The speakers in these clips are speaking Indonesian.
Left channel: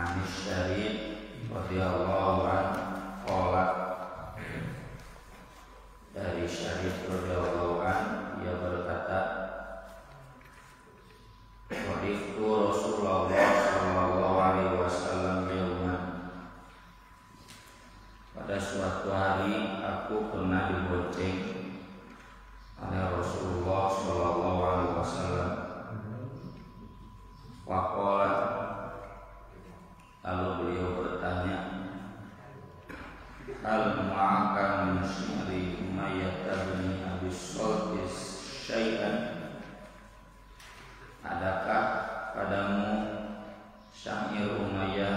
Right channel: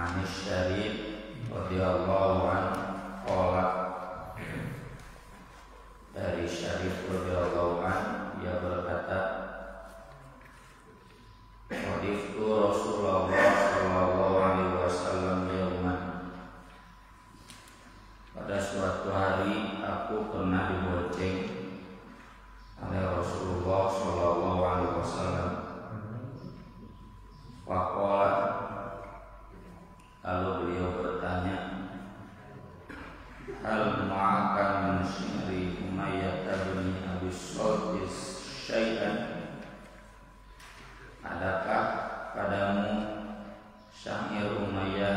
Anis Syarif radhiyallahu anhu qala, dari Syarif radhiyallahu anhu ia berkata, qadiftu Rasulullah sallallahu alaihi wasallam yauman, pada suatu hari aku pernah dibonceng oleh Rasulullah sallallahu alaihi wasallam. Faqala, lalu beliau bertanya, hal ma'aka min syari Umayyah bin Abi Salt syai'an, adakah padamu syair Umayyah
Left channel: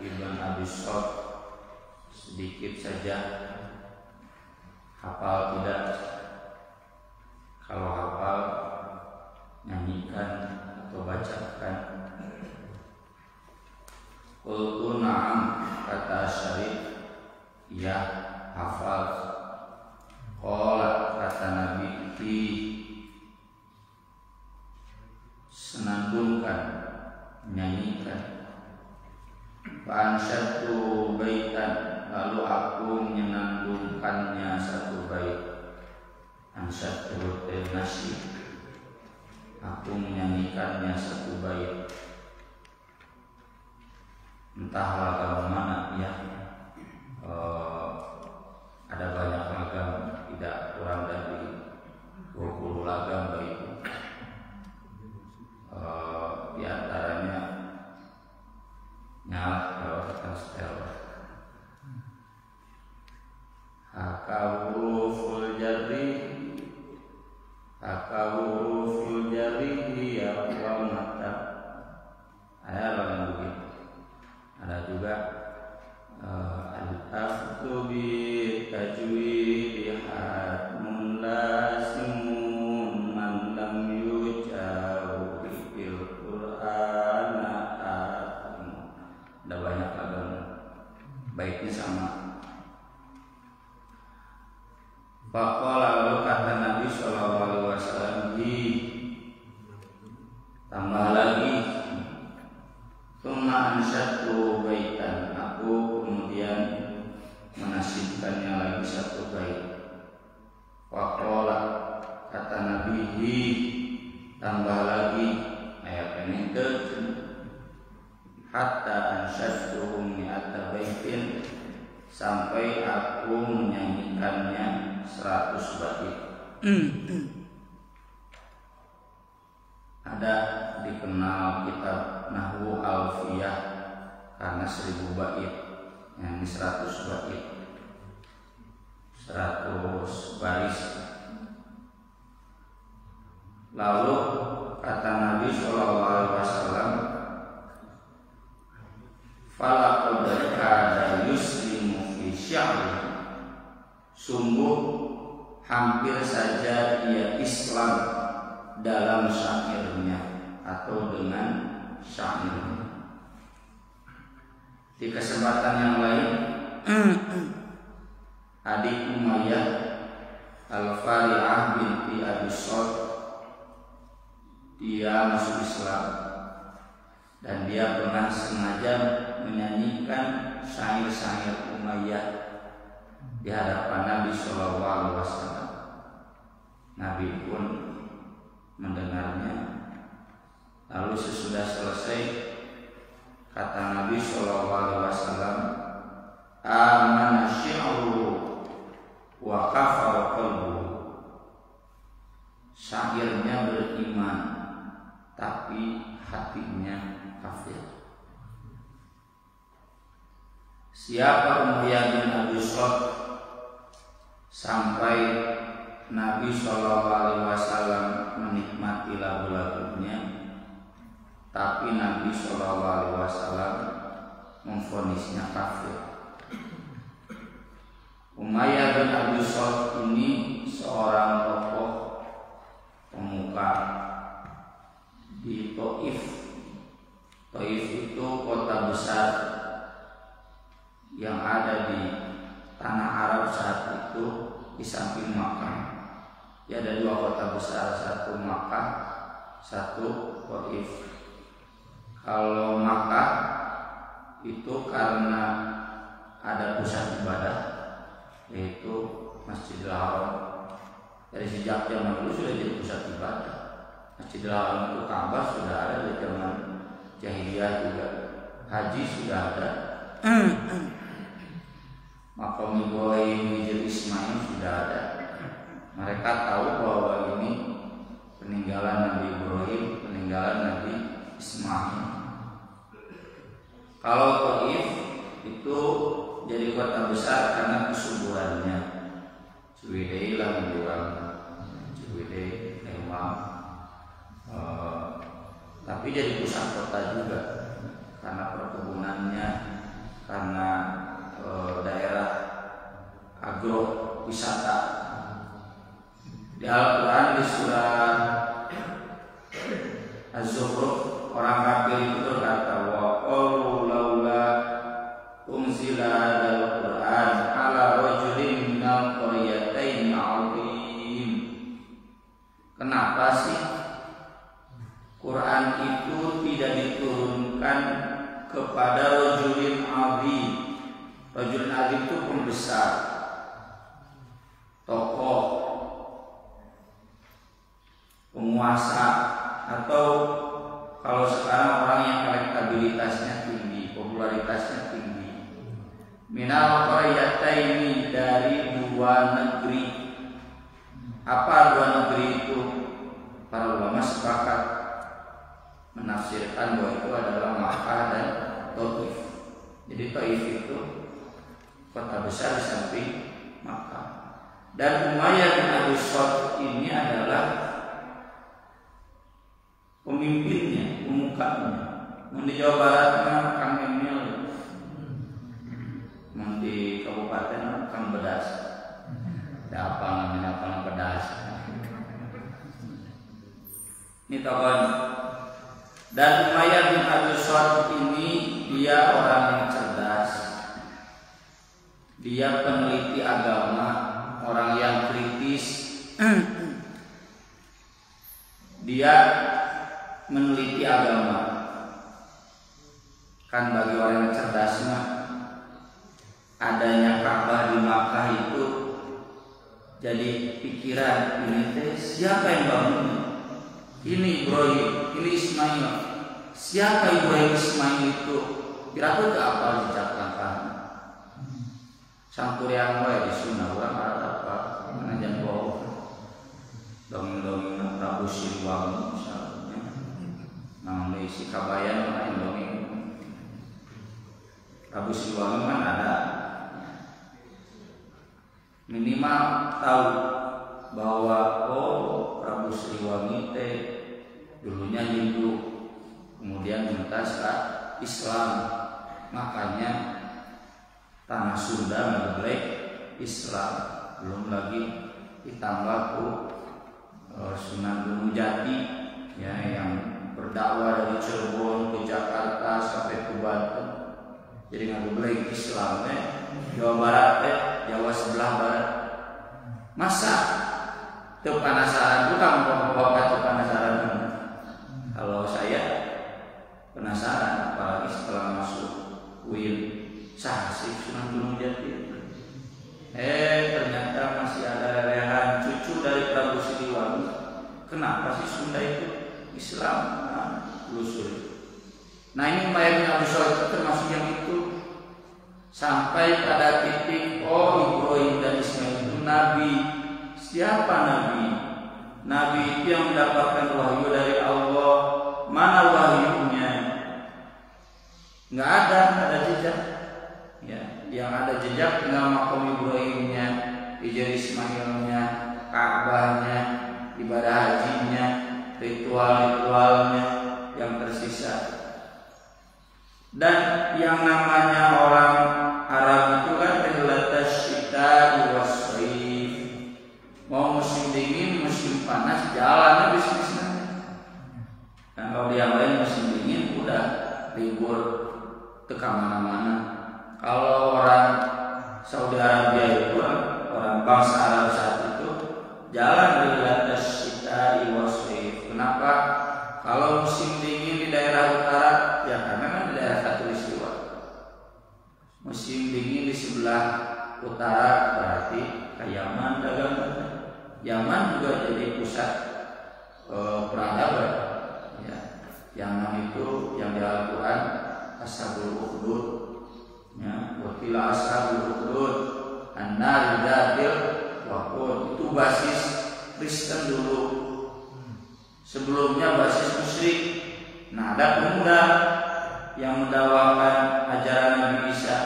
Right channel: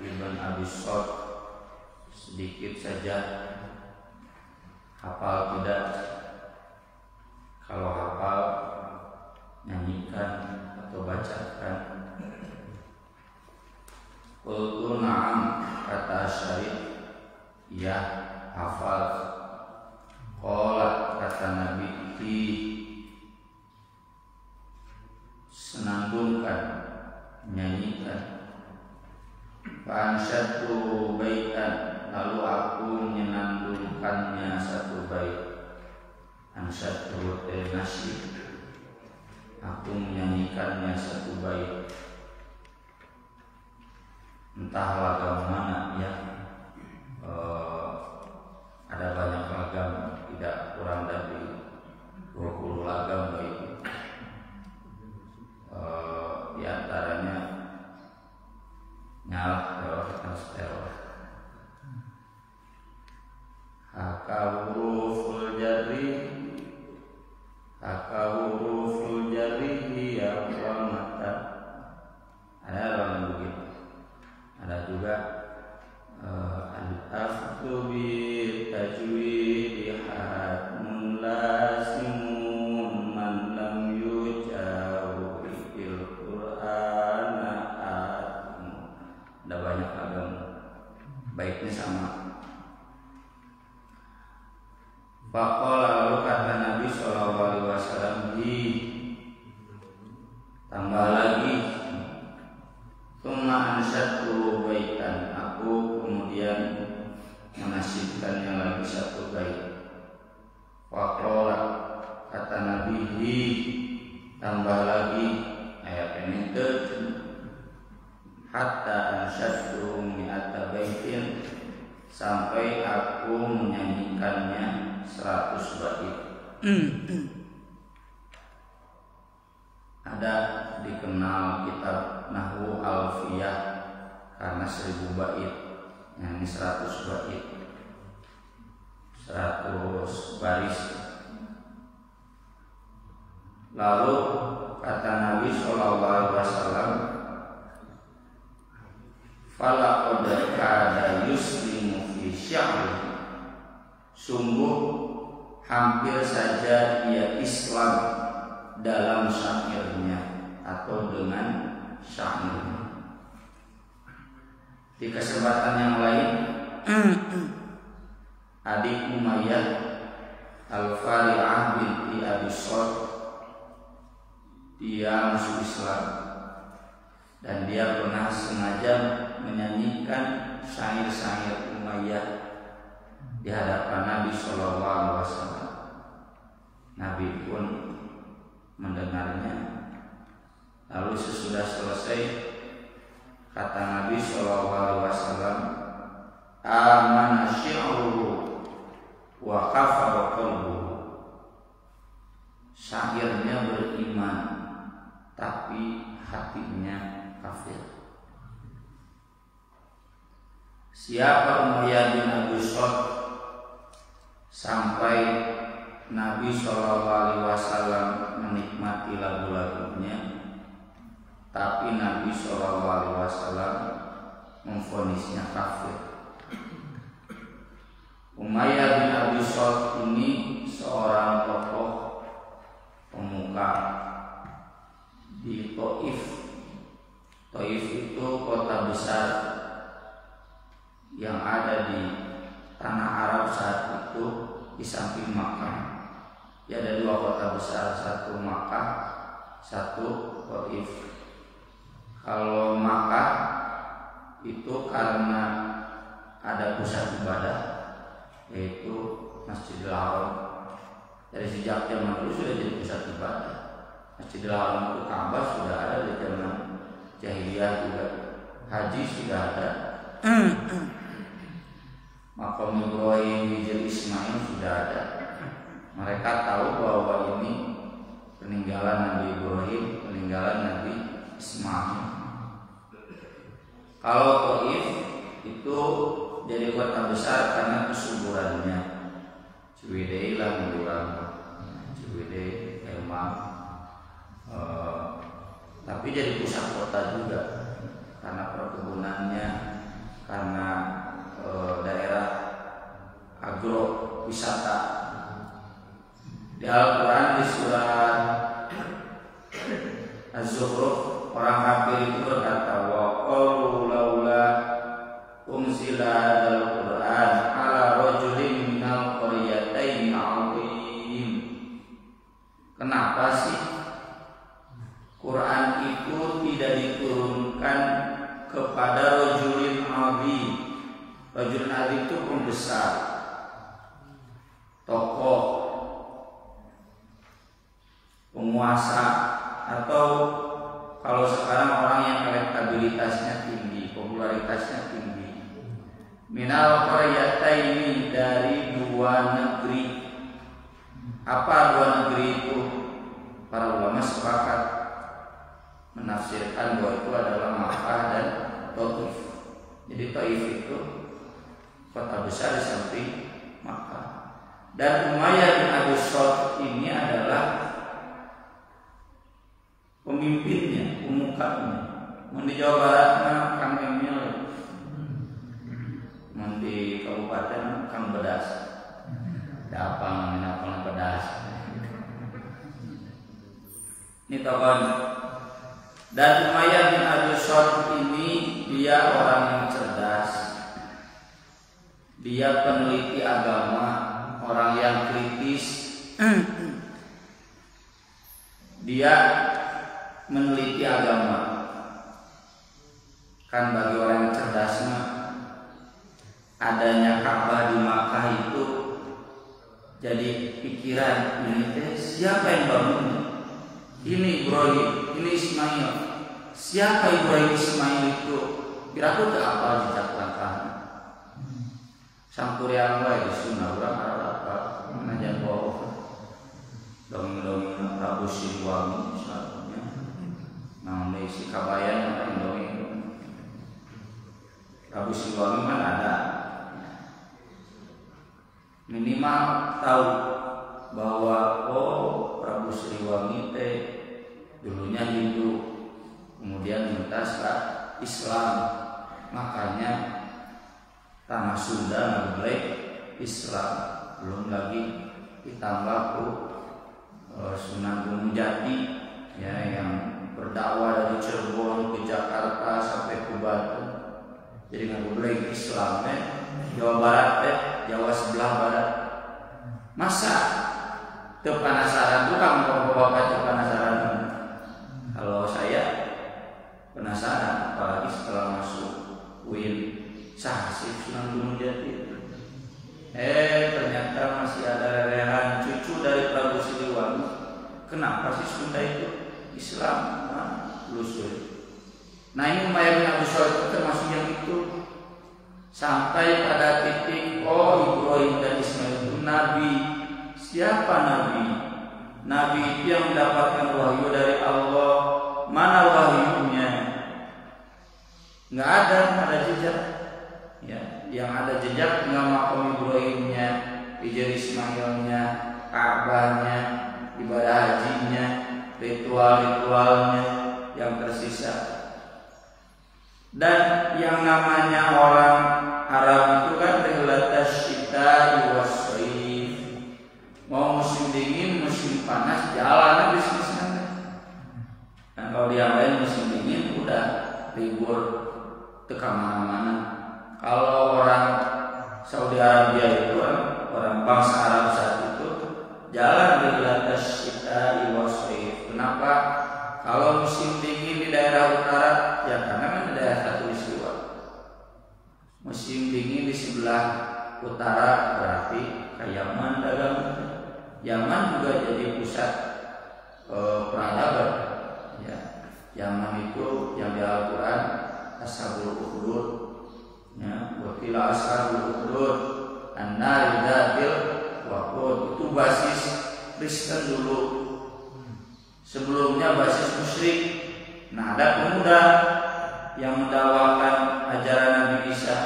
ibn Abi Salt sedikit saja? Hafal tidak? Kalau hafal, nyanyikan atau bacakan. Qultu na'am, kata Syarif, ya hafal. Qala, kata Nabi, senandungkan, nyanyikan. Fa'ansyatu baitan, lalu aku menyenandungkannya satu bait. Ansyatu nasi, aku menyanyikannya satu bait. Entah lagam mana ya, ada banyak lagam, tidak kurang dari 20 lagam bait. Di antaranya nyala teror teror. Hakawuruful jari ya mata. Ada orang begitu. Ada juga al-aftu bi tajwid hatmun lasimun man lam yujawu fil qur'ana atmu. Ada banyak agama, baiknya sama. Faqala, lalu kata Nabi sallallahu alaihi wasallam, tambah lagi. Tsumma ansyatu baitan, aku kemudian menasyidkannya lagi satu bait. Faqala, kata Nabi, tambah lagi. Ayat ini hatta ansyatuhum mi'ata baitin, sampai aku menyanyikannya 100 bait. Ada dikenal kitab Nahwu Alfiyah karena 1000 bait, yang ini 100 bait, 100 baris. Lalu kata Nabi sallallahu alaihi wasallam, falaqad kada yuslimu fi sya'ri, sungguh hampir saja ia Islam dalam syairnya atau dengan syairnya. Di kesempatan yang lain, adik Umayyah Al-Fari'ah binti Abi Salt, dia masuk Islam dan dia pernah sengaja menyanyikan syair-syair Umayyah di hadapan Nabi sallallahu alaihi wasallam. Nabi pun mendengarnya. Lalu sesudah selesai, kata Nabi sallallahu alaihi wasallam, amana syi'ruhu wa kafara qalbuhu, syairnya beriman tapi hatinya kafir. Siapa Umayyah bin Abi Salt sampai Nabi sallallahu alaihi wasallam menikmati lagu-lagunya, tapi Nabi sallallahu alaihi wasallam memvonisnya kafir. Umayyah bin Abi Salt ini seorang tokoh pemuka di Taif. Taif itu kota besar yang ada di tanah Arab saat itu di samping Makkah. Ya, ada 2 kota besar, satu Makkah, satu Taif. Kalau Makkah itu karena ada pusat ibadah yaitu Masjidil Haram. Dari sejak zaman dulu sudah jadi pusat ibadah. Masjidil Haram itu Ka'bah sudah ada dari zaman jahiliyah juga. Haji sudah ada. Makam Ibrahim, Hijr Ismail sudah ada. Mereka tahu bahwa ini peninggalan Nabi Ibrahim, peninggalan Nabi Ismail. Kalau Taif itu jadi kota besar karena kesuburannya. Ciwidey lah menurang, Ciwidey, Emang. Tapi jadi pusat kota juga karena perkebunannya, karena daerah agrowisata. Di Al-Quran di surah Az-Zukhruf orang kafir itu berkata, wa qalu laula unzila hadzal Qur'an ala rajulin minal qaryatayn 'azim. Kenapa sih Quran itu tidak diturunkan kepada rajulin 'azim? Rajulin 'azim itu pembesar, tokoh, penguasa, atau kalau sekarang orang yang elektabilitasnya tinggi, popularitasnya tinggi. Minal qaryataini, dari dua negeri. Apa dua negeri itu? Para ulama sepakat menafsirkan bahwa itu adalah Makkah dan Taif. Jadi Taif itu kota besar di samping Makkah. Dan Umayyah bin Abi Shalih ini adalah pemimpinnya, pemukanya. Di Jawa Barat mah Kang Emil, di kabupaten Kang Bedas. Ada apa namanya Kang Bedas? Ini tokohnya. Dan Umayyah bin Abi Shalih ini dia orang yang cerdas. Dia peneliti agama, orang yang kritis. Dia meneliti agama. Kan bagi orang yang cerdas adanya Ka'bah di Makkah itu jadi pikiran, ini teh siapa yang bangun? Ini Ibrahim, ini Ismail. Siapa Ibrahim Ismail itu? Kira-kira ke apa jejak langkahnya? Sampuriang wae di Sunda urang apa? Manajan bawa dongeng-dongeng Prabu Siliwangi misalnya. Namun si kabayan lain dongeng. Prabu Siliwangi mana ada? Minimal tahu bahwa Prabu Siliwangi teh dulunya Hindu, kemudian mentas ke Islam, makanya tanah Sunda ngeblek Islam. Belum lagi ditambah Sunan Gunung Jati ya, yang berdakwah dari Cirebon ke Jakarta sampai ke Banten. Jadi ngeblek Islam Jawa Barat Jawa sebelah barat. Masa teu penasaran tukang bapak teu penasaran? Kalau saya penasaran, apalagi setelah masuk UIN, sah sih Sunan Gunung Jati. Ternyata masih ada rerehan cucu dari Prabu Siliwangi. Kenapa sih Sunda itu Islam? Lusur. Nah ini Umayyah bin Abi Shalih itu termasuk yang itu. Sampai pada titik Ibrahim dan Ismail itu Nabi. Siapa Nabi? Nabi itu yang mendapatkan wahyu dari Allah. Mana wahyunya? Nggak ada jejak. Ya, yang ada jejak tinggal makam Ibrahimnya, Hijr Ismailnya, Ka'bahnya, ibadah hajinya, ritual-ritualnya yang tersisa. Dan yang namanya orang Arab itu kan rihlatash syita'i was-shaif. Mau musim dingin, musim panas, jalan bisnisnya. Dan kalau yang lain musim dingin udah libur ke mana-mana. Kalau orang Saudi Arabia itu orang bangsa Arab saat itu jalan rihlatash syita'i was-shaif. Kenapa? Kalau musim dingin di daerah utara, ya karena kan di daerah khatulistiwa. musim dingin di sebelah utara berarti ke Yaman dagang. Yaman juga jadi pusat peradaban. Ya. Yaman itu yang di Al-Quran Ashabul Ukhdud, ya, wakila Ashabul Ukhdud an-nar dzatil waqud, itu basis Kristen dulu. Sebelumnya basis musyrik. Nah, ada pemuda yang mendakwakan ajaran Nabi Isa,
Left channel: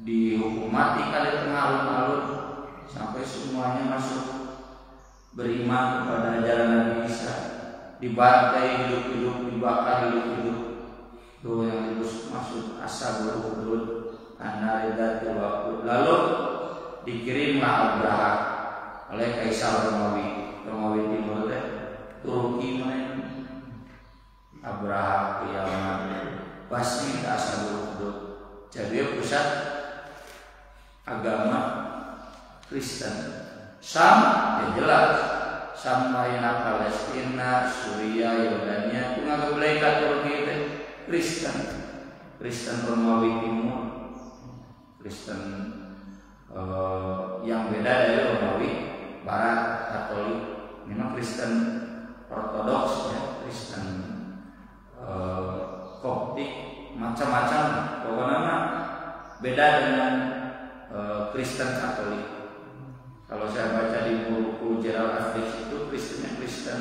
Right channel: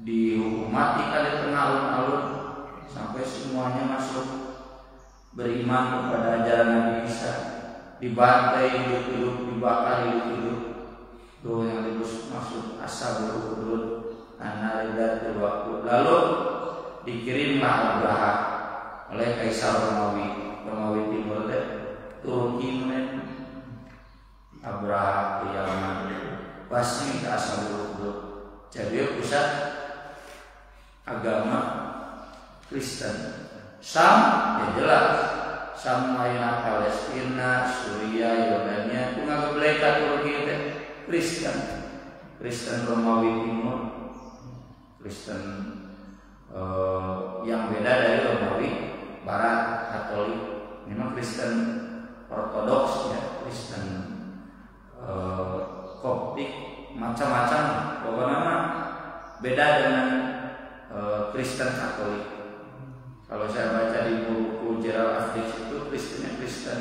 dihukum mati kali tengah alun-alun sampai semuanya masuk beriman kepada ajaran Nabi Isa, dibantai hidup-hidup, dibakar hidup-hidup. Itu yang dimaksud Ashabul Ukhdud an-nar dzatil waqud. Lalu dikirimlah Abraha oleh Kaisar Romawi Timur Turki Abraha ke Yaman, Basmi ke Ashabul Ukhdud. Jadi pusat agama Kristen. Sam ya jelas, Sam lainnya Palestina, Suriah, Yordania itu ngageblekat Turki itu Kristen Romawi Timur, Kristen yang beda dari Romawi Barat Katolik. Memang Kristen Ortodoks, ya, Kristen Koptik, macam-macam. Pokoknya beda dengan Kristen Katolik. Kalau saya baca di buku Gerald Afriks itu Kristennya Kristen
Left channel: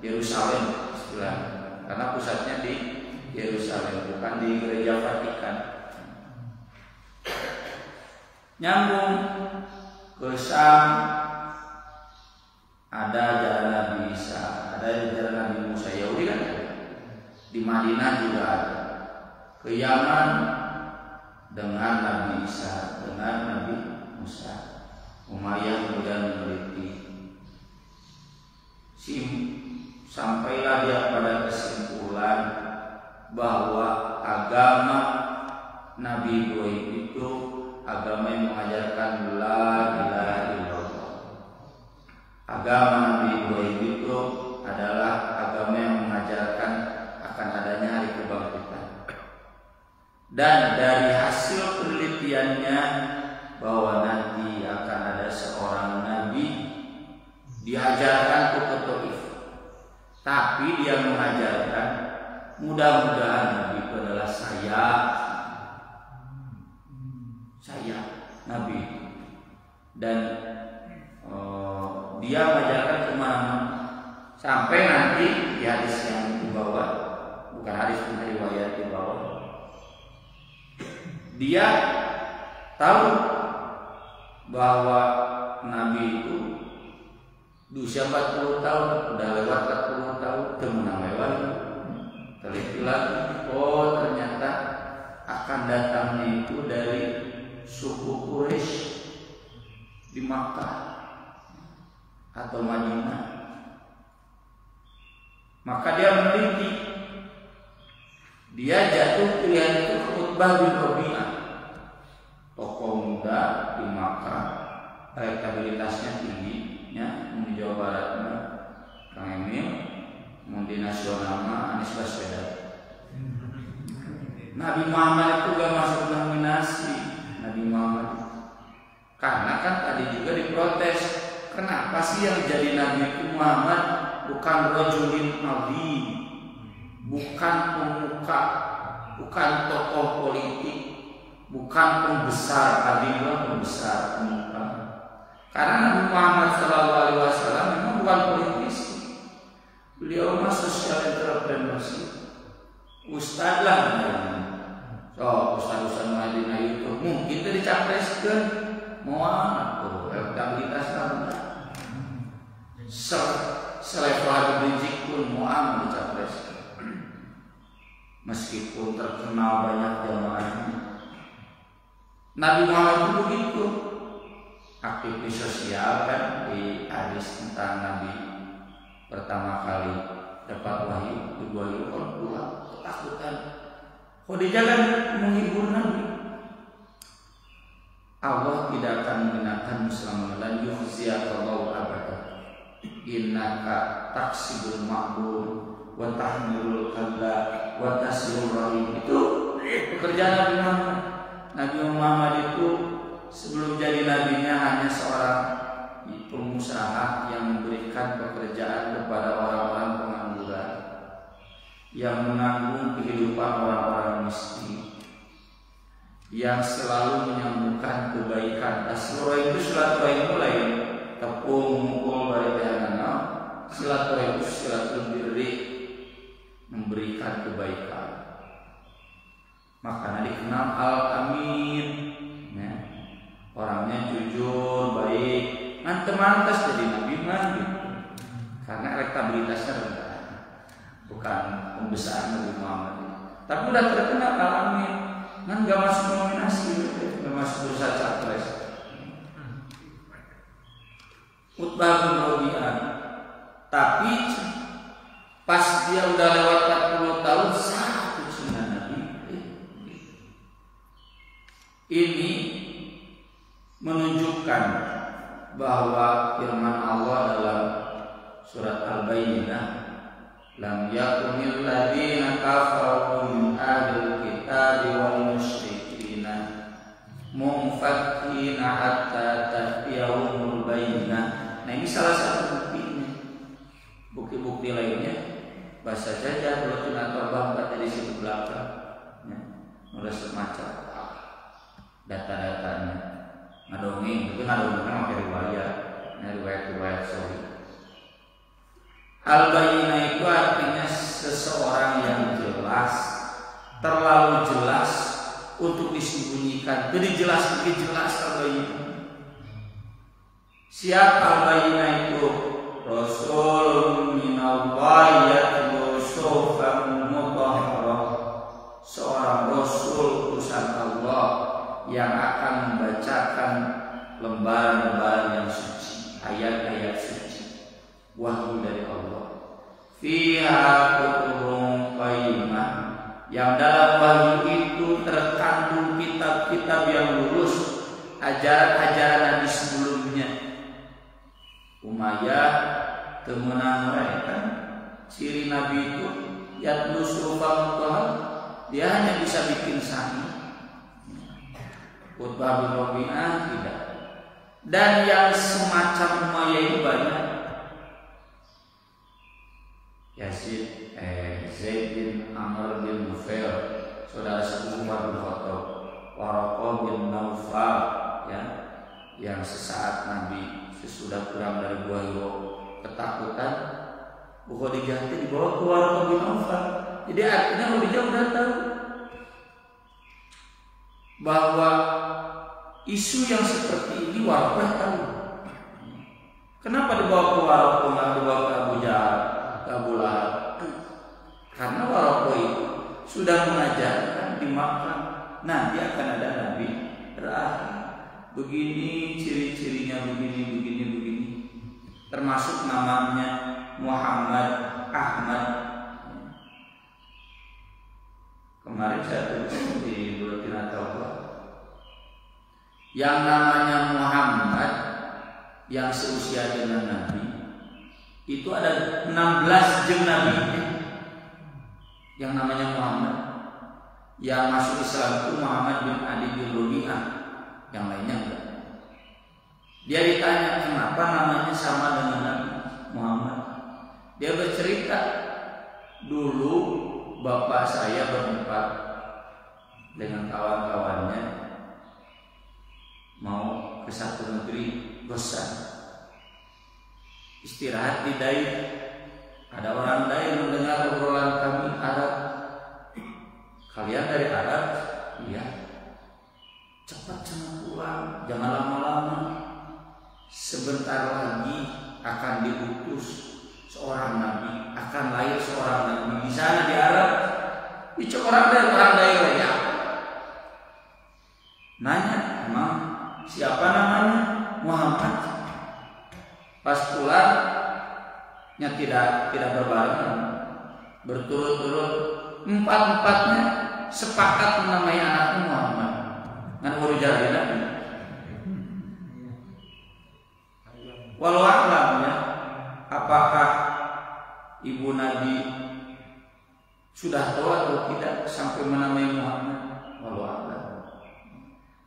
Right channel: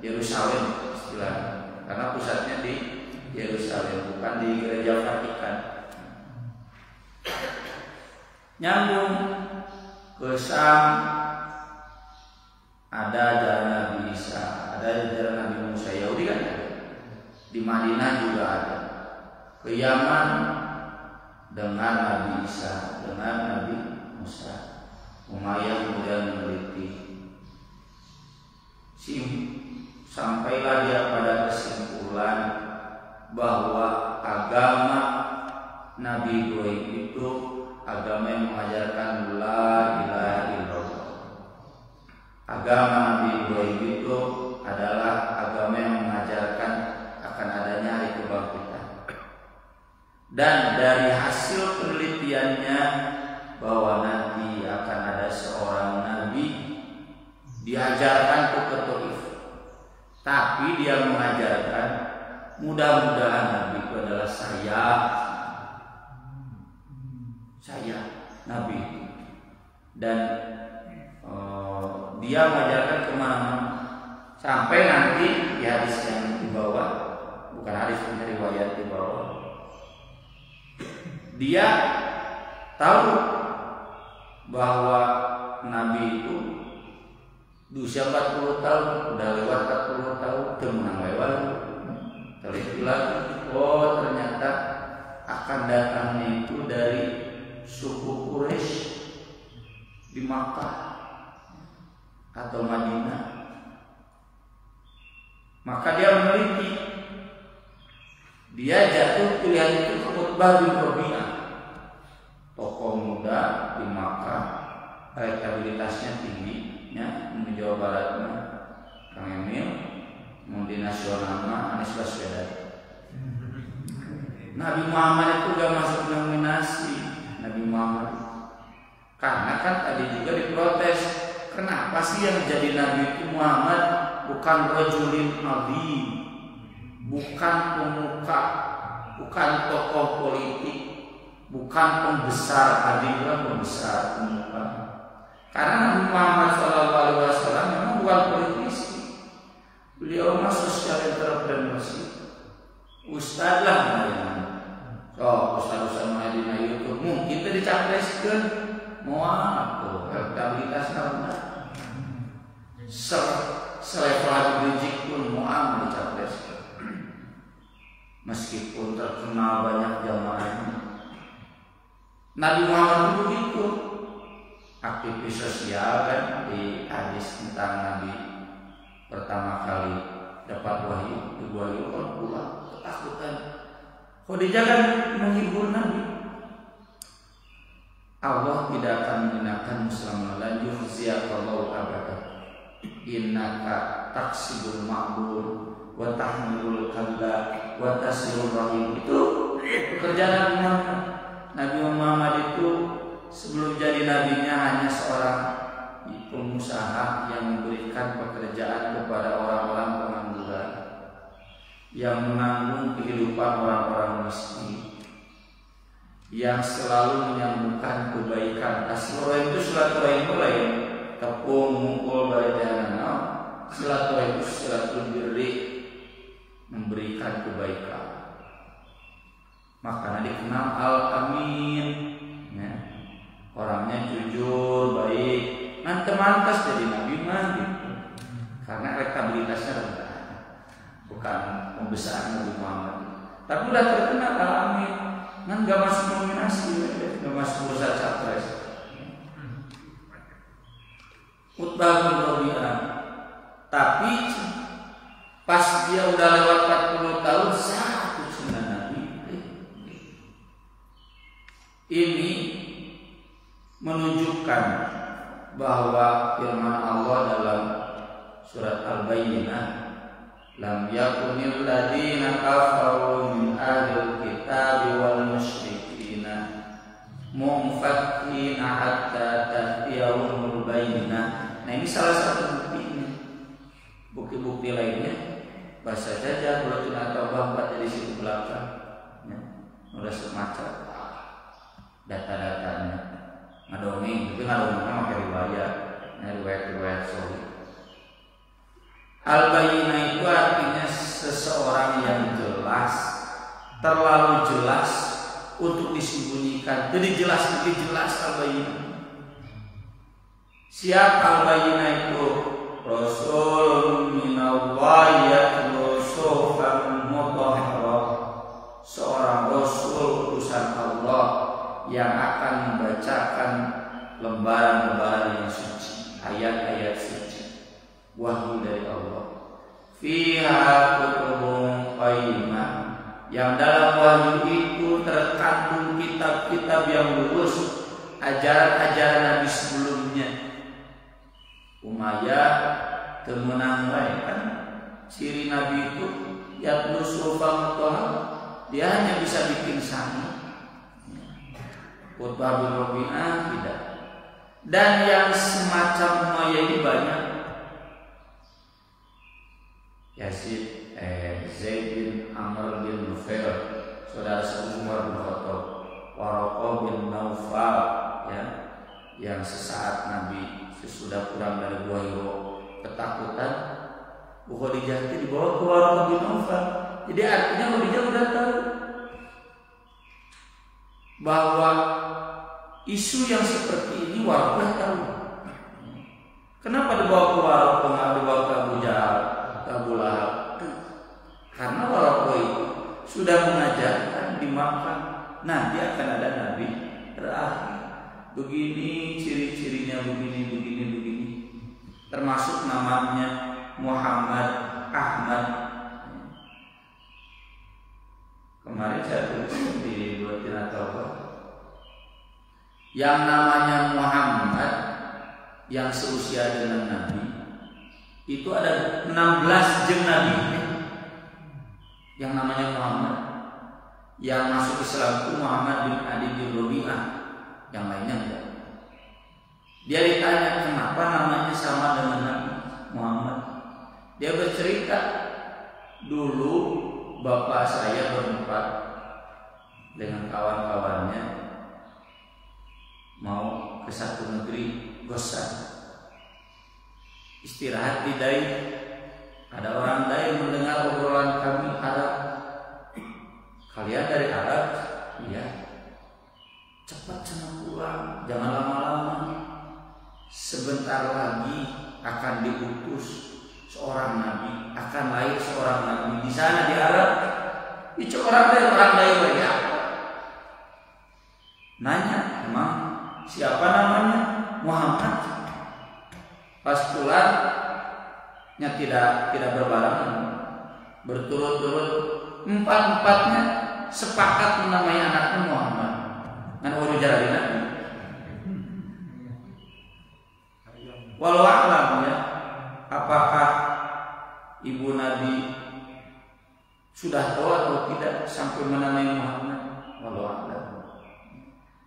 Yerusalem istilahnya, karena pusatnya di Yerusalem, bukan di Gereja Vatikan. Nyambung ke Sam, ada ajaran Nabi Isa, ada ajaran Nabi Musa. Yahudi kan ada. Di Madinah juga ada. Ke Yaman dengan Nabi Isa, dengan Nabi Musa. Umayyah kemudian meneliti. Sampailah dia pada kesimpulan bahwa agama Nabi Ibrahim itu agama yang mengajarkan la ilaha illallah. Agama Nabi Ibrahim itu adalah agama yang mengajarkan akan adanya hari kebangkitan. Dan dari hasil penelitiannya bahwa nanti akan ada seorang nabi diajarkan ke Taif, tapi dia mengajarkan mudah-mudahan nabi itu adalah saya nabi, dan dia mengajarkan kemana-mana sampai nanti di hadis yang dibawa, bukan hadis dari riwayat dibawa, dia tahu bahwa Nabi itu di usia 40 tahun, udah lewat 40 tahun, temenang lewat, teliti lagi, oh ternyata akan datangnya itu dari suku Quraisy di Makkah atau Madinah. Maka dia meneliti, dia jatuh pilihan itu Utbah bin Rabi'ah, tokoh muda di Makkah, elektabilitasnya tinggi, ya, di Jawa Baratnya Kang Emil, di nasionalnya Anies Baswedan. Nabi Muhammad itu gak masuk nominasi. Nabi Muhammad karena kan tadi juga diprotes, kenapa sih yang jadi Nabi itu Muhammad, bukan rajulin azim, bukan pemuka, bukan tokoh politik, bukan pembesar, adillah pembesar, pemuka. Karena Nabi Muhammad SAW memang bukan politisi, beliau mah social entrepreneurship, ustad lah namanya. So ustad-ustad Madinah itu mungkin kita dicapreskan, muat tuh elektabilitasnya benar. Selevel Habib Rizik pun muat dicapreskan, meskipun terkenal banyak jamaahnya. Nabi Muhammad itu begitu, aktivis sosial kan. Di hadis tentang Nabi pertama kali dapat wahyu, diwahyu orang tua ketakutan. Khadijah kan menghibur Nabi. Allah tidak akan menghinakanmu selama la yukhziyakallahu abada. Innaka taksibul ma'bur wa tahmilul kalla wa tasirul rahim. Itu pekerjaan Nabi Muhammad. Nabi Muhammad itu sebelum jadi nabinya hanya seorang pengusaha yang memberikan pekerjaan kepada orang-orang pengangguran, yang menanggung kehidupan orang-orang miskin, yang selalu menyambungkan kebaikan. Silaturahim itu silaturahim lain, tepung mukul bari tehanana. Silaturahim itu silatul birri, memberikan kebaikan. Makanya dikenal Al-Amin, ya. Orangnya jujur, baik. Mantas jadi nabi mah gitu. Karena elektabilitasnya rendah, bukan pembesar Nabi Muhammad. Tapi udah terkenal Al-Amin, kan gak masuk nominasi, gak masuk bursa capres. Utbah bin Rabi'ah. Tapi pas dia udah lewat 40 tahun satu sunnah Nabi. Ini menunjukkan bahwa firman Allah dalam surat Al-Bayyinah, lam yakunil ladzina kafaru min ahlil kitabi wal musyrikina munfakkina hatta ta'tiyahumul bayyinah. Nah, ini salah satu buktinya. Bukti-bukti lainnya bahasa saja buletin atau bambat di situ belakang, ya. Udah semacam data-datanya. Ngadongeng, tapi ngadongengnya pakai riwayat sorry. Al-Bayyinah itu artinya seseorang yang jelas, terlalu jelas untuk disembunyikan. Jadi jelas Al-Bayyinah. Siapa Al-Bayyinah itu? Rasul minallahi yatlu suhufan mutahharah. Seorang rasul utusan Allah yang akan membacakan lembaran-lembaran yang suci, ayat-ayat suci, wahyu dari Allah. Fiha kutubun qayyimah, yang dalam wahyu itu terkandung kitab-kitab yang lurus, ajaran-ajaran Nabi sebelumnya. Umayyah temenang kan ciri Nabi itu yatlu suhufan mutahharah, dia hanya bisa bikin sanad. Utbah bin Rabi'ah tidak. Dan yang semacam Umayyah ini banyak. Zaid bin Amr bin Nufail, saudara sepupu Umar bin Khattab, Waraqah bin Naufal, ya, yang sesaat Nabi sesudah pulang dari Gua Hiro ketakutan, Khadijah dibawa ke Waraqah bin Naufal. Jadi artinya Khadijah udah tahu bahwa isu yang seperti ini Waraqah tahu. Kenapa dibawa ke Waraqah, nggak dibawa ke Abu Jahal, ke Abu Lahab? Karena Waraqah itu sudah mengajarkan di Makkah nanti akan ada Nabi terakhir. Begini ciri-cirinya, begini. Termasuk namanya Muhammad Ahmad. Kemarin saya tulis di buletin atau yang namanya Muhammad yang seusia dengan Nabi itu ada 16 jeng Nabi yang namanya Muhammad. Yang masuk Islam itu Muhammad bin Adi bin Rabi'ah, yang lainnya enggak. Dia ditanya kenapa namanya sama dengan Nabi Muhammad. Dia bercerita, dulu bapak saya berempat dengan kawan-kawannya mau ke satu negeri Gosan, istirahat di Daif. Ada orang Daif mendengar obrolan kami Arab. Kalian dari Arab? Iya. Cepat sana pulang, jangan lama-lama. Sebentar lagi akan diutus seorang nabi, akan lahir seorang nabi di sana di Arab. Itu orang Daif ya. Nanya, emang siapa namanya? Muhammad. Pas pulangnya tidak berbarengan, berturut-turut, empat-empatnya sepakat menamai anaknya Muhammad. Ngan baru jadi nabi. Walau alam ya, apakah ibu Nabi sudah tahu atau tidak sampai menamai Muhammad? Walau alam.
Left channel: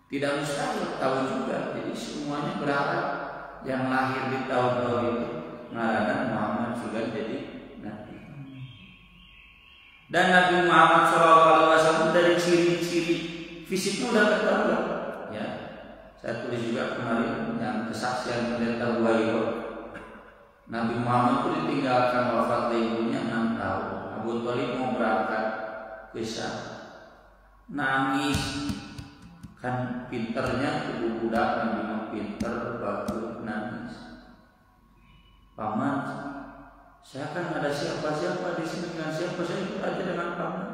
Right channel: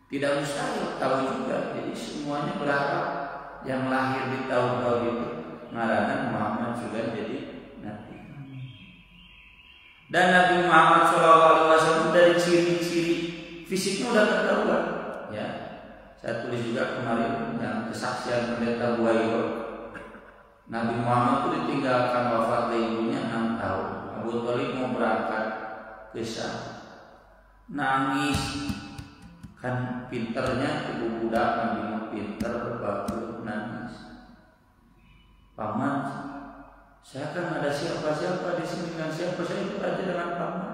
Tidak mustahil, tahu juga. Jadi semuanya berharap yang lahir di tahun-tahun itu ngaranan Muhammad juga jadi nabi. Dan Nabi Muhammad SAW dari ciri-ciri fisiknya udah ketahuan. Ya, saya tulis juga kemarin yang kesaksian pendeta Buayo. Nabi Muhammad itu ditinggalkan wafat ibunya 6 tahun. Abu Thalib mau berangkat ke Syam, nangis. Kan pinternya tubuh budak Nabi pinter bagus, nangis. Paman, saya kan ada siapa-siapa di sini, dengan siapa saya ikut aja dengan paman.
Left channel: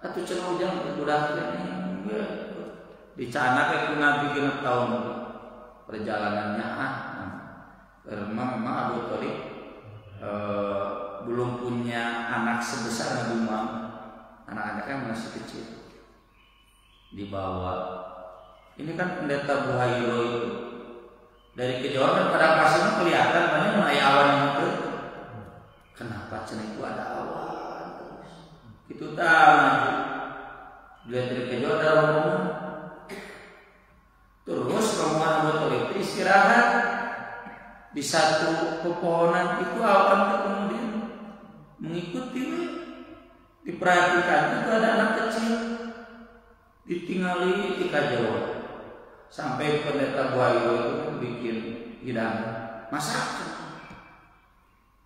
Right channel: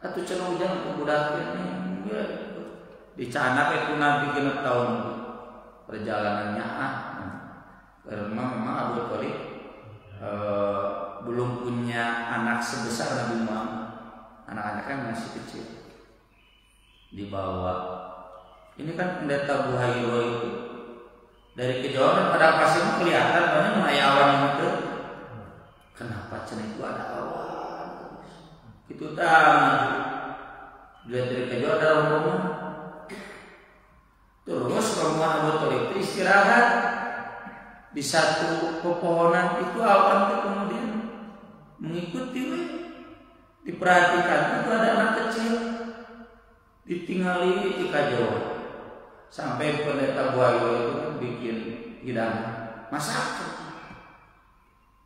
Atau cenah ujang ke budaknya nih, dicanak itu Nabi genep tahun perjalanannya karena memang Abu Thalib belum punya anak sebesar Nabi Muhammad. Anak-anaknya masih kecil. Dibawa. Ini kan pendeta Buhairo itu dari kejauhan pada pasirnya kelihatan banyak menaya awan yang itu. Kenapa cenah itu ada awan? Itu tahu. Lihat dari kejauhan ada rombongan. Terus rombongan Abu Thalib istirahat di satu pepohonan itu, awan itu kemudian mengikuti. Diperhatikan itu ada anak kecil ditinggali di kajauhan. Sampai pendeta Buayo itu kan bikin hidangan masakan.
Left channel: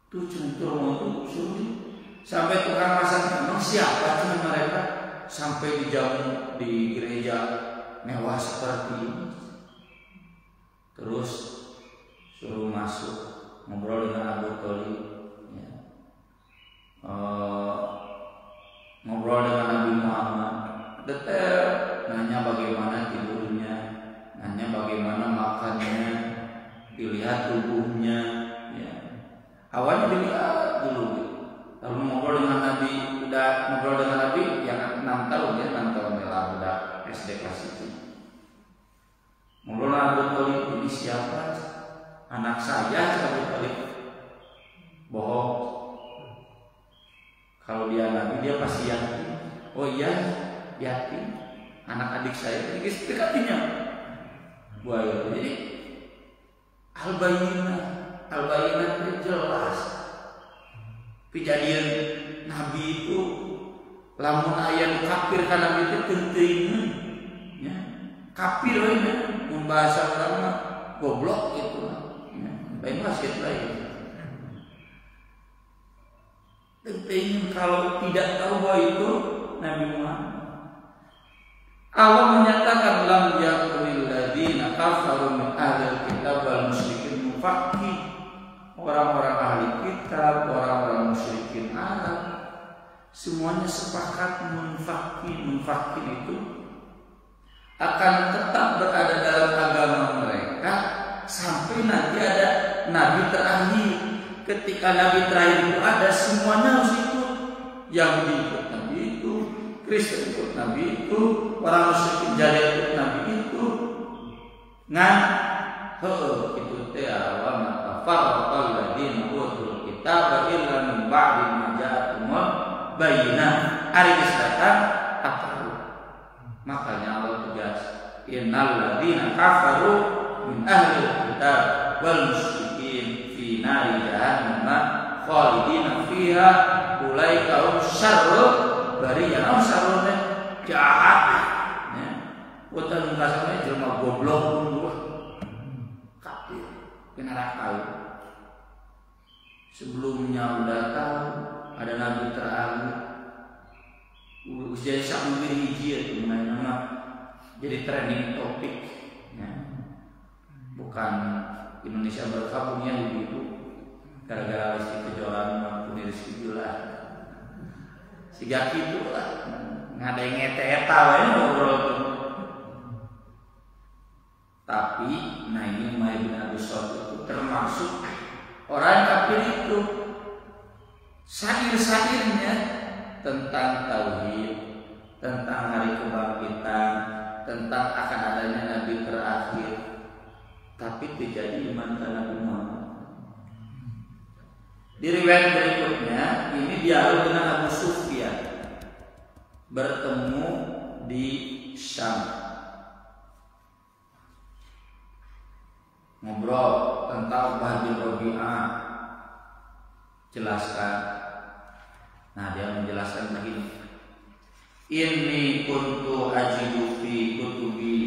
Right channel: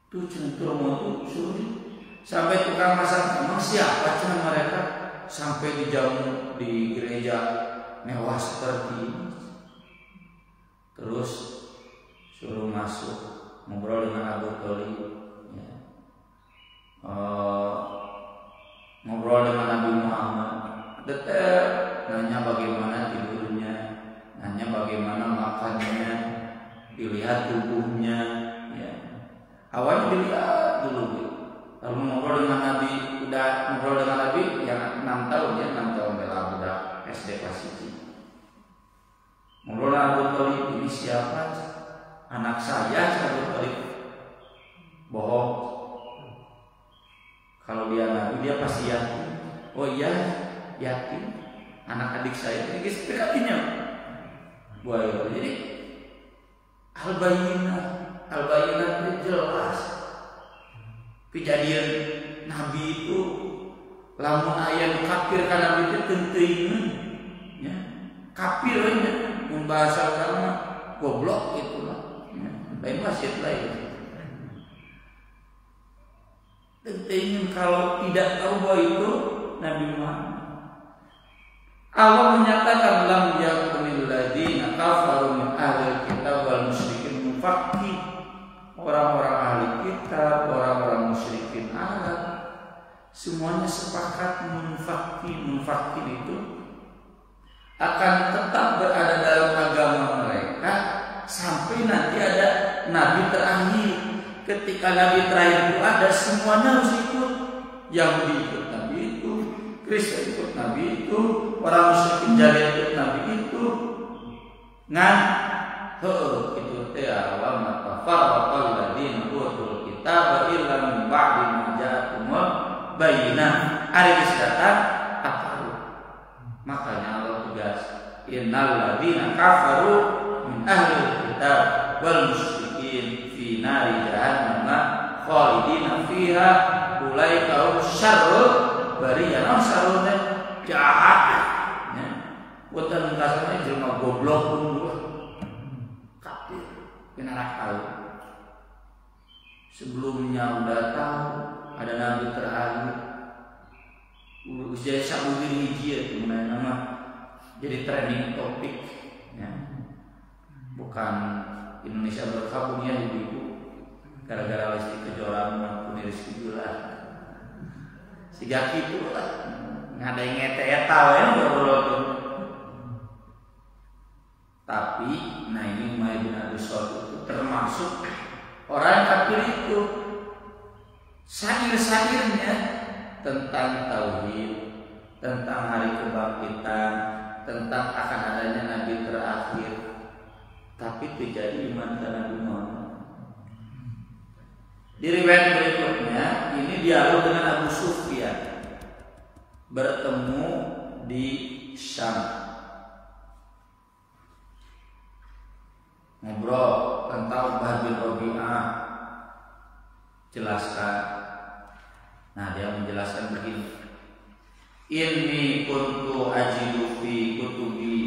Tuh centur itu sulit. Sampai tukang masak, memang siapa cuma mereka sampai dijamu di gereja mewah seperti ini. Terus suruh masuk ngobrol dengan Abu Thalib. Ya. Ngobrol dengan Nabi Muhammad detail, nanya bagaimana tidurnya, nanya bagaimana makannya, dilihat tubuhnya, ya. Awalnya dilihat dulu, lalu ngobrol dengan Nabi, udah ngobrol dengan Nabi yang 6 tahun ya, 6 tahun lah udah SD kelas itu. Ngobrol dengan Abu Thalib, ini siapa? Anak saya, Abu Thalib. Bohong. Kalau dia Nabi dia pasti yakin. Oh iya, yakin. Anak adik saya ini dekatinya. Buaya. Jadi al-bayyinah itu jelas. Kejadian Nabi itu lamun aya kafir kana Nabi itu teuing ya. Kafir we mun bahasa urang mah goblok itu mah. Ya, lain wasit lain. Teuing kalau tidak tahu bahwa itu Nabi Muhammad. Allah menyatakan lam yakunil ladina kafaru min ahlil kitab wal musyrikin mufaqqih. Orang-orang ahli kitab, orang-orang musyrikin Arab semuanya sepakat munfakin itu akan tetap berada dalam agama mereka sampai nanti ada nabi terakhir. Ketika nabi terakhir itu ada, semuanya harus ikut. Yahudi ikut nabi itu, Kristen ikut nabi itu, orang musyrikin jadi ikut nabi itu. Itu teh wa matafarraqal ladina utul kitab illa min ba'di ma ja'atumul bayyinah. Ari geus datang akaru. Makanya Allah tegas, innal ladina kafaru min ahli kitab wal musyrikin fi nari jahannam khalidina fiha ulaika hum syarrul bariyah. Syarrul teh jahat. Ya. Utan kasana jelema goblok unggul. Kenarak tahu. Sebelumnya udah tahu ada nabi terakhir. Jadi sabugir hiji mengenai nama jadi trending topik. Ya. Bukan Indonesia berkabung ya ibu-ibu gara-gara Lesti Kejora mampu Rizky Bilar. Siga kitu lah. Ngadai ngete-eta we ngobrol. Tapi nah ini Umayyah bin Abi Shalih itu termasuk orang kafir itu. Syair-syairnya tentang tauhid, tentang hari kebangkitan, tentang akan adanya nabi terakhir. Tapi terjadi iman ke Nabi Muhammad. Di riwayat berikutnya ini dialog dengan Abu Sufyan bertemu di Syam. ngobrol tentang Uqbah bin Rabi'ah, jelaskan. Nah, dia menjelaskan begini, inni kuntu ajidu fi kutubi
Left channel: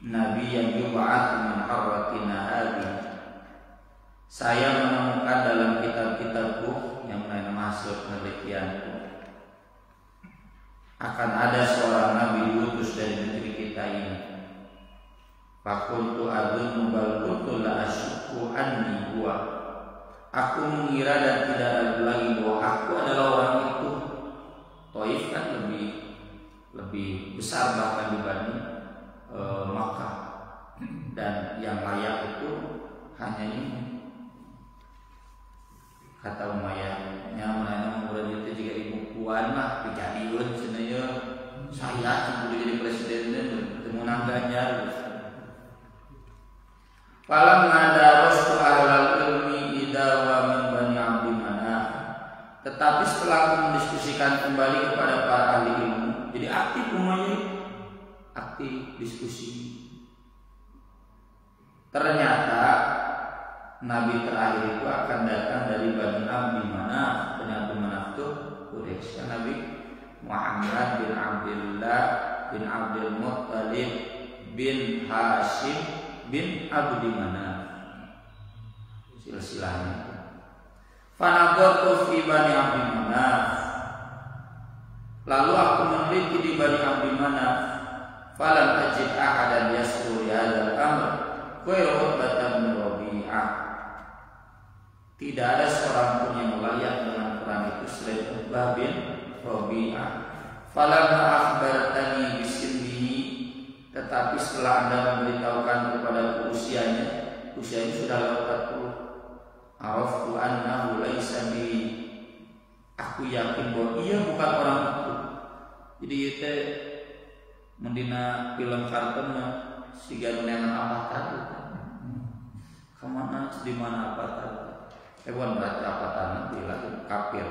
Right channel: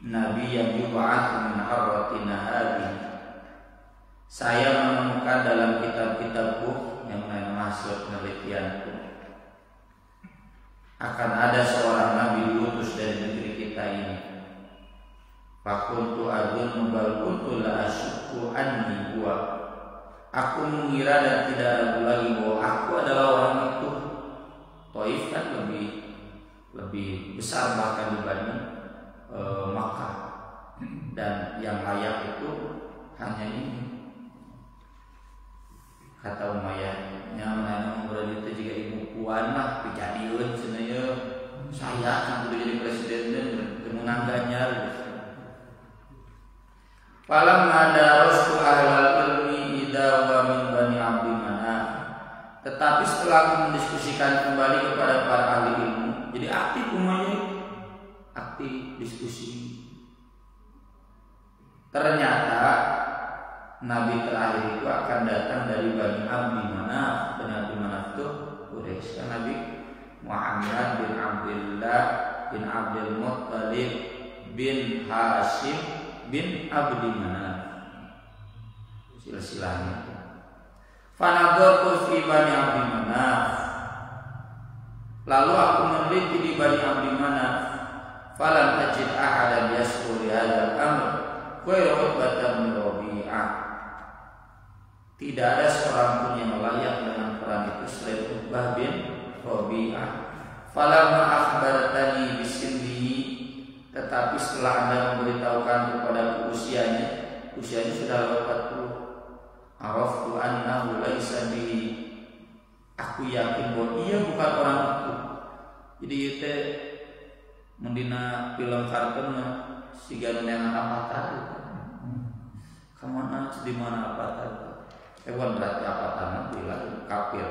nabiyyan yub'atsu min harratina hadhihi. Saya menemukan dalam kitab-kitabku yang merupakan hasil penelitianku akan ada seorang nabi diutus dari negeri kita ini. Fakuntu adunnu bal kuntu la asyukku anni huwa. Aku mengira dan tidak ada lagi bahwa aku adalah orang itu. Taif kan lebih besar bahkan dibanding Makkah, dan yang layak itu hanya ini. Kata Umayyah, yang mana mengurang itu jika ibu puan lah dijadikan cenanya saya yang boleh jadi presiden dan bertemu Ganjar. Falamma darastu ahlal ilmi idza wa min bani Abdi Manaf. Tetapi setelah aku mendiskusikan kembali kepada para ahli ilmu, jadi aktif Umayyah, aktif diskusi. Ternyata Nabi terakhir itu akan datang dari Bani Abdi Manaf. Bani Abdi Manaf itu Quraisy. Kan Nabi Muhammad bin Abdullah bin Abdul Muttalib bin Hashim bin Abdi Manaf, silsilahnya. Fanadhartu fi Bani Abdi Manaf. Lalu aku meneliti di Bani Abdi Manaf. Falam ajid ahadan yasru li hadzal amr ghairu Utbah bin Rabi'ah. Tidak ada seorang pun yang layak dengan perang itu selain Uqbah bin Rabi'ah. Falamma akhbartani bisinnihi, tetapi setelah Anda memberitahukan kepada usianya sudah lewat 40. Araftu annahu laisa bihi. Aku yakin bahwa ia bukan orang itu. Jadi itu mendina film kartun siga nengan apa tadi. Kemana di mana apa tadi? Bukan berarti apa tangan bilang kafir.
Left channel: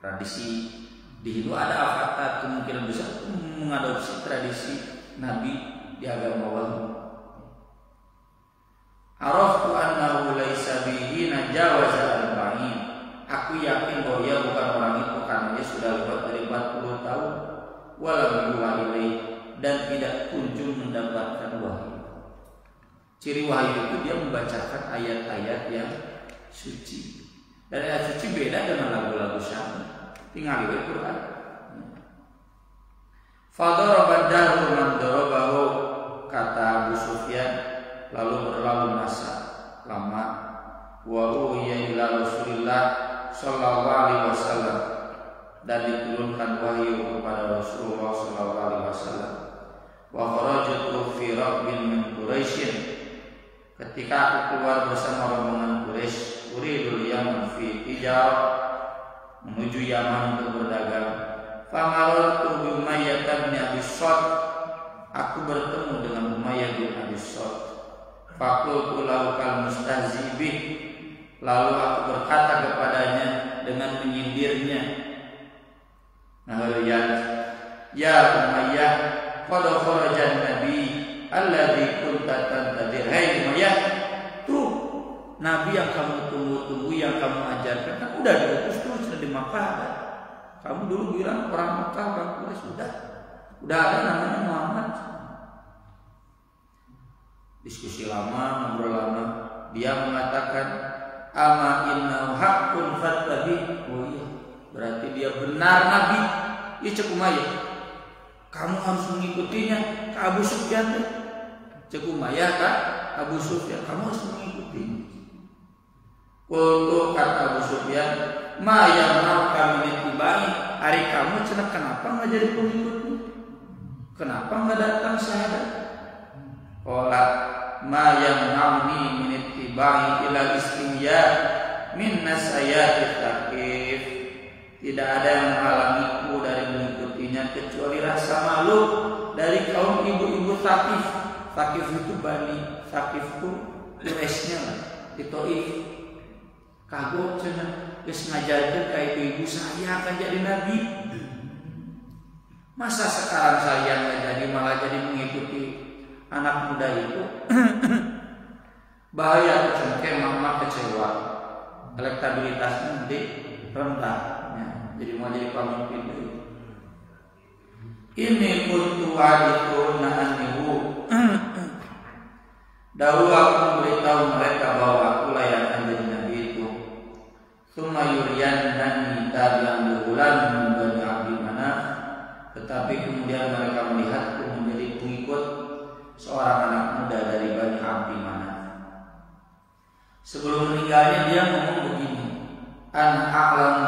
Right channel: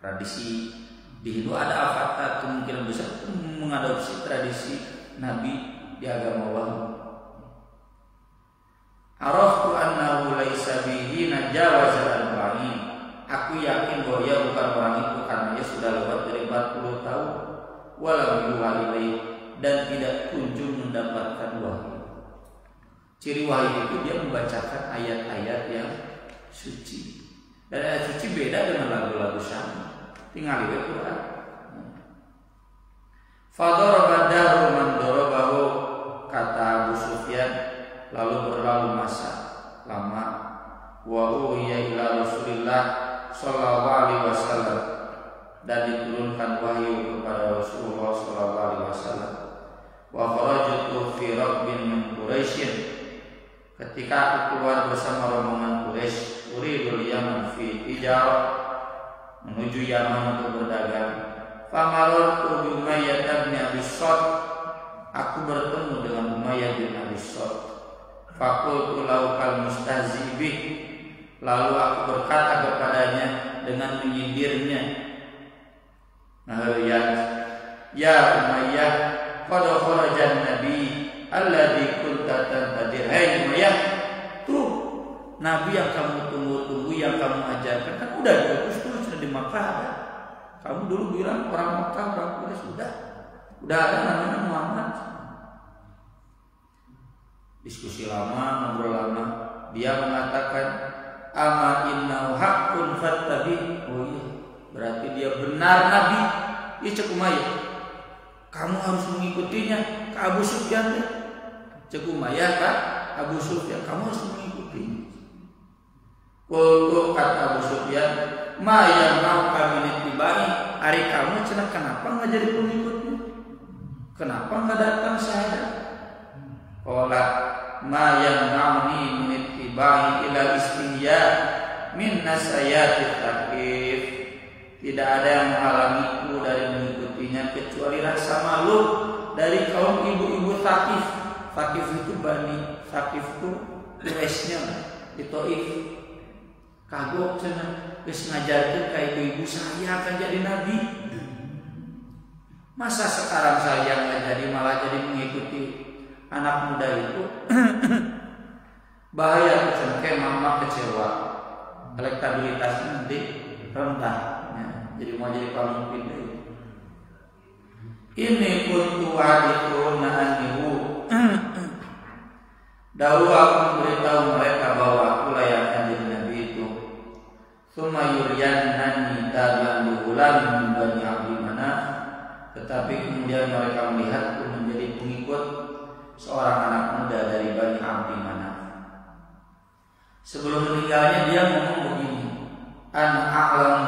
Tradisi di Hindu ada avatar, kemungkinan besar mengadopsi tradisi Nabi di agama Wahyu. Araftu annahu laisa bihi najawaza al-ba'in. Aku yakin bahwa ia bukan orang itu karena ia sudah lewat dari 40 tahun. Walam yuha ilaih, dan tidak kunjung mendapatkan wahyu. Ciri wahyu itu dia membacakan ayat-ayat yang suci. Dan ayat suci beda dengan lagu-lagu syar'i. Tinggal di Quran. Fadaraba dahru man darabahu, kata Abu Sufyan. Lalu berlalu masa lama. Wa uhiya ila Rasulillah sallallahu alaihi wasallam, dan diturunkan wahyu kepada Rasulullah sallallahu alaihi wasallam. Wa kharajtu fi rabbin min Quraisy. Ketika aku keluar bersama rombongan Quraisy, uridul Yaman fi tijarah, menuju Yaman untuk berdagang. Famarartu bi Umayyah bin Abi Salt. Aku bertemu dengan Umayyah bin Abi Salt. Faqultu lahu kal mustahzi bih. Lalu aku berkata kepadanya dengan menyindirnya, ya Umayyah, qad kharajan nabi alladzi kunta tantadir. Hai Umayyah, tuh Nabi yang kamu tunggu-tunggu, yang kamu ajarkan kan udah diutus tuh, sudah di Makkah ada. Kamu dulu bilang orang Makkah, orang Quraisy, udah ada namanya Muhammad. Diskusi lama, ngobrol lama. Dia mengatakan, ama innahu haqqun fattabi. Oh iya, berarti dia benar Nabi. Ya cek Umayyah, kamu harus mengikutinya. Ke Abu Sufyan deh. Cek Umayyah kan, Abu Sufyan, kamu harus mengikutinya. Qultu, kata Abu Sufyan, ma yang mau kami nitibai. Hari kamu cenah kenapa nggak jadi pengikutmu? Kenapa nggak datang syahadat? Qala ma yang nauni min ittibai ila istihya min nasayati Thaqif. Tidak ada yang menghalangiku dari mengikutinya kecuali rasa malu dari kaum ibu-ibu Thaqif. Thaqif itu Bani Thaqif itu Quraisynya lah di Taif. Kagok cenah geus ngajarkeun ka ibu-ibu saya akan jadi nabi. Masa sekarang saya nggak jadi malah jadi mengikuti anak muda itu bahaya kecengkeh, mama kecewa, elektabilitasnya nanti rendah, ya. Jadi mau jadi pemimpin deh. Ini kuntu adituna anihu. Dahulu aku memberitahu mereka bahwa aku layak jadi nabi itu. Tsumma yuriyannani tabi'an lihulam min bani Abdi Manaf. Tetapi kemudian mereka melihatku menjadi pengikut seorang anak muda dari Bani Abdi Manaf. Sebelum meninggalnya dia ngomong begini, an a'lam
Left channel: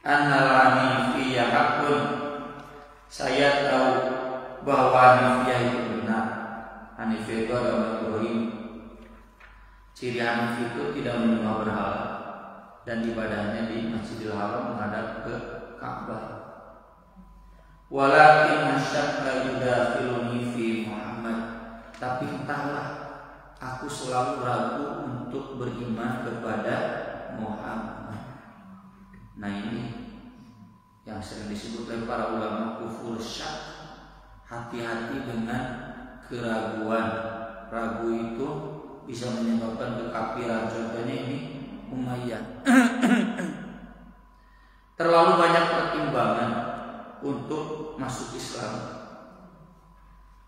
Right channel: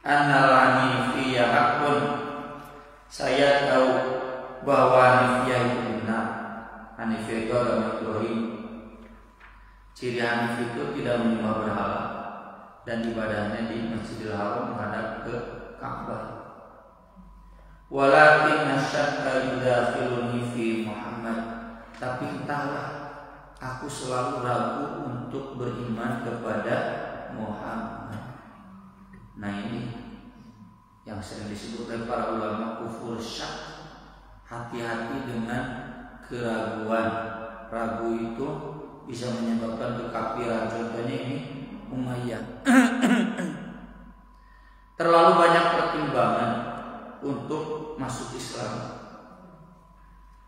annalani fiyya haqqun. Saya tahu bahwa Hanifiyah itu benar. Hanifiyah itu agama Ibrahim. Ciri Hanif itu tidak menyembah berhala dan ibadahnya di Masjidil Haram menghadap ke Ka'bah. Walakin asyakka yudakhiluni fi Muhammad. Tapi entahlah, aku selalu ragu untuk beriman kepada Muhammad. Nah ini yang sering disebut oleh para ulama kufur syak. Hati-hati dengan keraguan. Ragu itu bisa menyebabkan kekafiran. Contohnya ini Umayyah. Terlalu banyak pertimbangan untuk masuk Islam.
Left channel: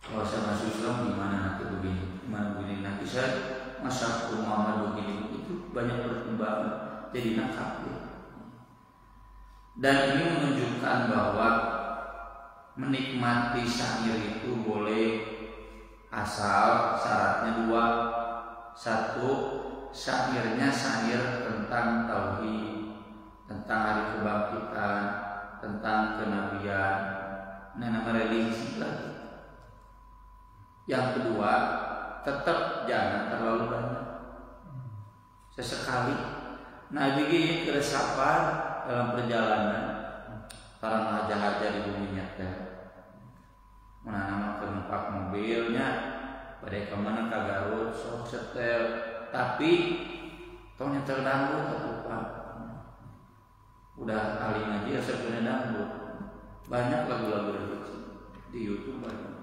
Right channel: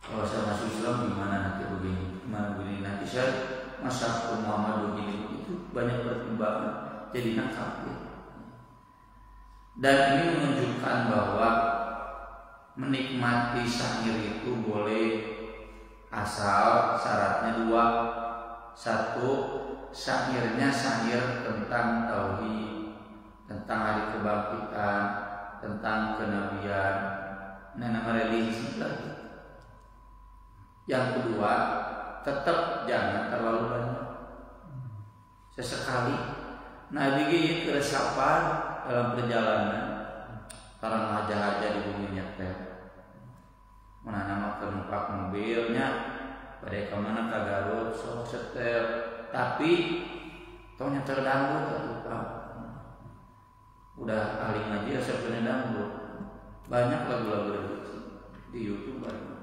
Kalau saya masuk Islam gimana nanti begini, gimana begini, nanti saya masuk Muhammad begini, itu banyak pertimbangan, jadi kafir. Dan ini menunjukkan bahwa menikmati syair itu boleh, asal syaratnya dua. Satu, syairnya syair tentang tauhid, tentang hari kebangkitan, tentang kenabian, nama religi lagi. Yang kedua, tetap jangan terlalu banyak. Sesekali Nabi ini keresapan dalam perjalanan, orang haja-haja di bumi nyetel, menanam tempat mobilnya, pada kemana ke Garut, sok setel, tapi tau nyetel dangdut atau apa? Udah ahli ngaji ya sebenarnya dangdut. Banyak lagu-lagu religi di YouTube banyak.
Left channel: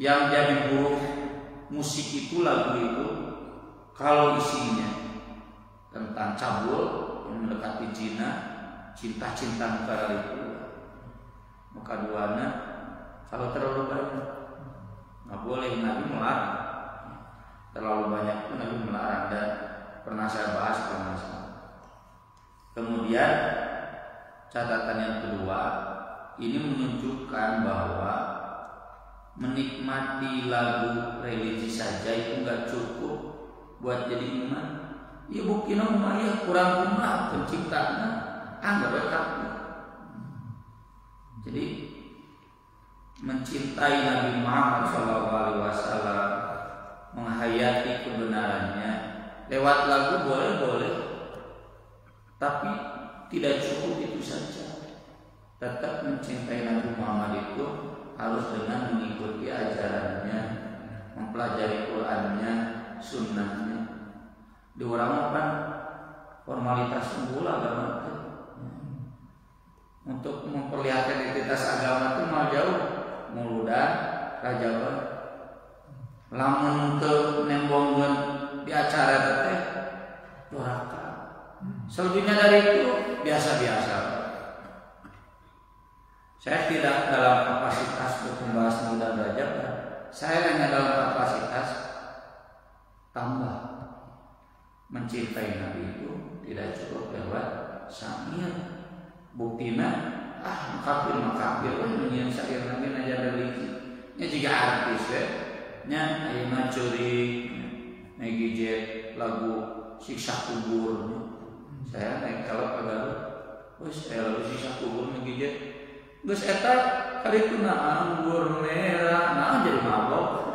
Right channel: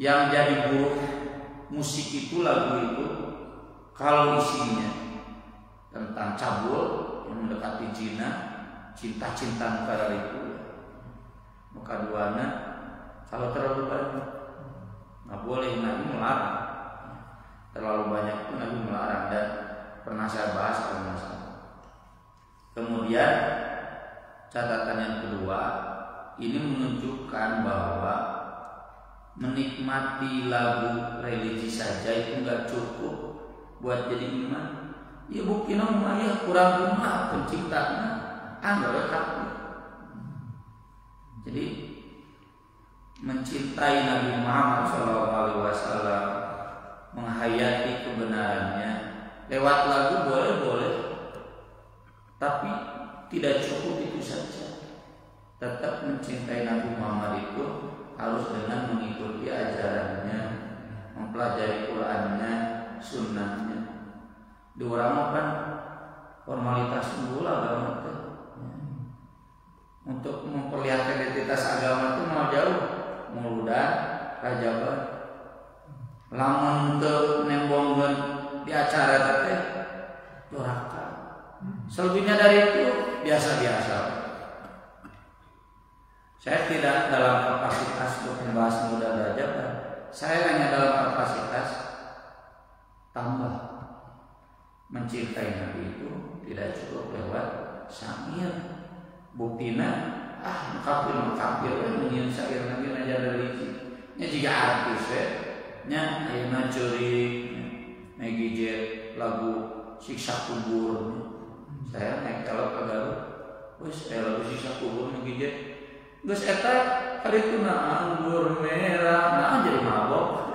Yang jadi buruk musik itu, lagu itu, kalau isinya tentang cabul yang mendekati zina, cinta-cinta perkara itu, maka duana kalau terlalu banyak nggak boleh. Nabi melarang. Terlalu banyak pun Nabi melarang, dan pernah saya bahas kalau nggak salah. Kemudian catatan yang kedua, ini menunjukkan bahwa menikmati lagu religi saja itu nggak cukup buat jadi iman. Ya buktinya Umayyah kurang rumah penciptanya, anggap kafir. Jadi mencintai Nabi Muhammad SAW, menghayati kebenarannya lewat lagu boleh, tapi tidak cukup itu saja. Tetap mencintai Nabi Muhammad itu harus dengan mengikuti ajarannya, mempelajari Qurannya, sunnahnya. Di orang kan formalitas unggul agama itu. Untuk memperlihatkan identitas agama itu mau jauh, muludan, rajaban, lamun teu nembongkeun di acara teh doraka. Selebihnya dari itu biasa-biasa. Saya tidak dalam kapasitas untuk membahas muludan rajaban. Saya hanya dalam kapasitas tambah. Mencintai Nabi itu tidak cukup lewat syair. Buktina kafir menyian syair Nabi najar religi. Nya juga artis nya ayeuna curi ngegijet lagu siksa kubur. Saya naik kalau ke Garut, wes lagu siksa kubur ngegijet. Geus eta harituna anggur merah, nah jadi mabok.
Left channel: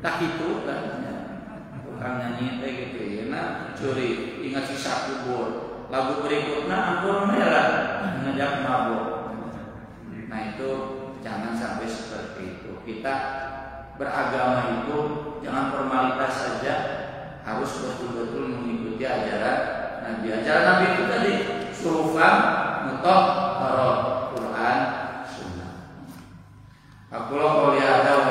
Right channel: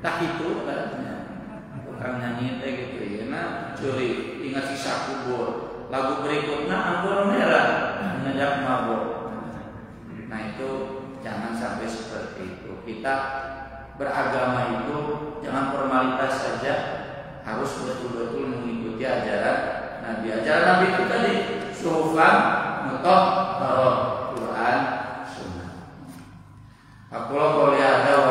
Tak itu kan. Tukang nyanyi teh gitu ya, nah curi ingat siksa kubur. Lagu berikutnya anggur merah, ngajak mabok. Nah itu jangan sampai seperti itu. Kita beragama itu jangan formalitas saja, harus betul-betul mengikuti ajaran Nabi. Ajaran Nabi itu tadi suhufan mutahharah, kerjaan sunnah. Aku qouli hadza wa